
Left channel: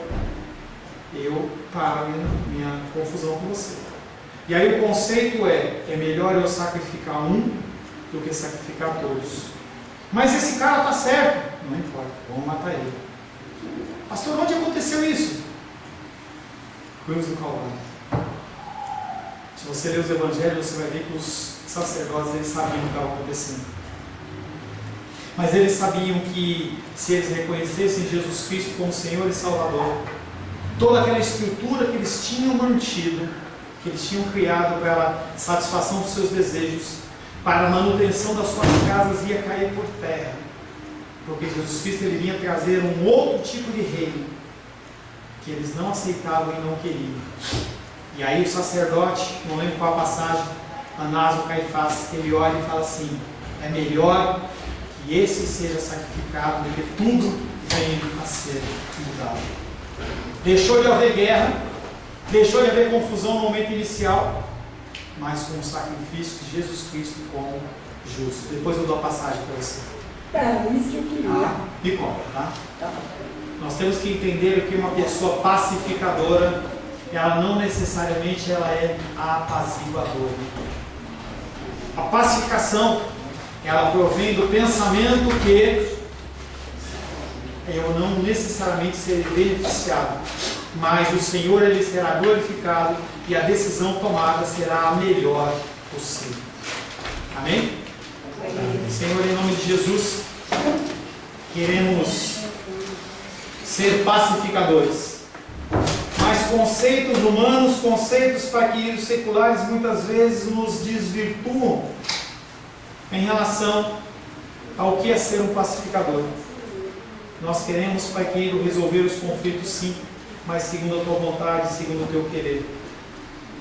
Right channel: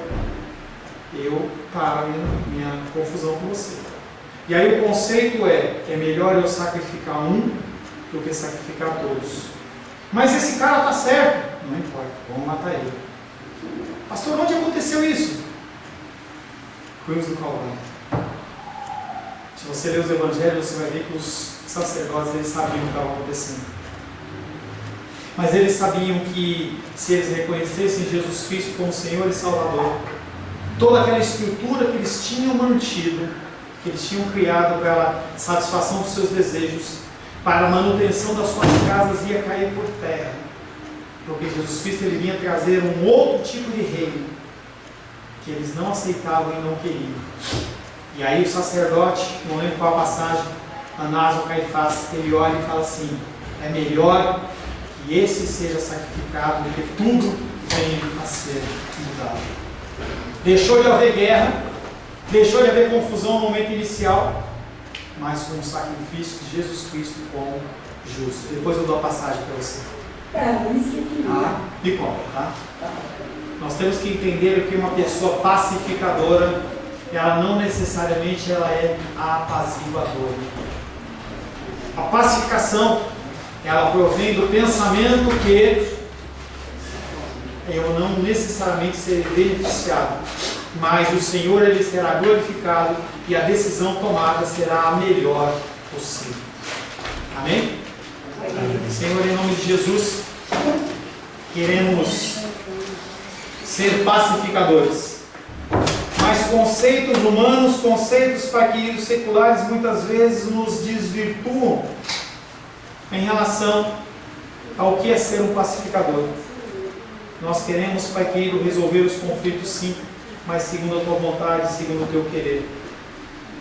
eu paro minha confusão com você. E aí o conceito é melhor eu sacrificar um do que sacrificar todos. Mas esse cara está certo. Não importa, vamos matar ele. Pastor, onde aconteceu isso? Cruz do Calvário. Se você ler os evangelhos, você vai ver que os sacerdotes eles sabiam o que estava acontecendo. Mas eles sabiam que se eles reconhecessem Jesus Cristo como Senhor e Salvador, toda aquela estrutura que eles tinham mantido, que eles tinham criado para a satisfação dos seus desejos, para a manutenção das suas casas, ia cair por terra, porque Jesus Cristo ele vinha trazer um outro tipo de reino que eles não aceitavam e não queriam. E aí o sacerdote, não lembro qual a passagem, Anás ou Caifás, ele olha e fala assim, é melhor que esse seja sacrificado do que tudo venha a ser mudado. Deixou de haver guerra, deixou de haver confusão no momento inicial, mas com o sacrifício de Jesus Cristo como justo. Depois eu dou a passagem para você. Isso que eu queria. Me conta, tá? Nós temos que entender que uma pessoa pacificadora, ela não necessariamente ela é apaziguadora. A pacificação, ela provém do pensamento que eu não necessariamente serei beneficiado, mas o Senhor ele será glorificado e a decisão tomada será a melhor possível. Amém? Senhor, em nome de Jesus, queremos ser pacificadores. Mas conceitos humanos, conceitos, Pai querido, seculares, muitas vezes nos desvirtuam em relação ao que é ser um pacificador. Nós queremos, Pai querido, resolver os conflitos sim, mas segundo a Tua vontade, segundo o Teu querer.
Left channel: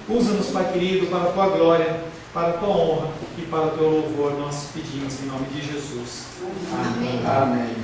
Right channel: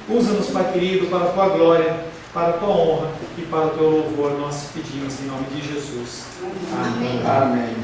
Usa-nos, Pai querido, para a Tua glória, para a Tua honra e para o Teu louvor. Nós pedimos em nome de Jesus. Amém. Amém.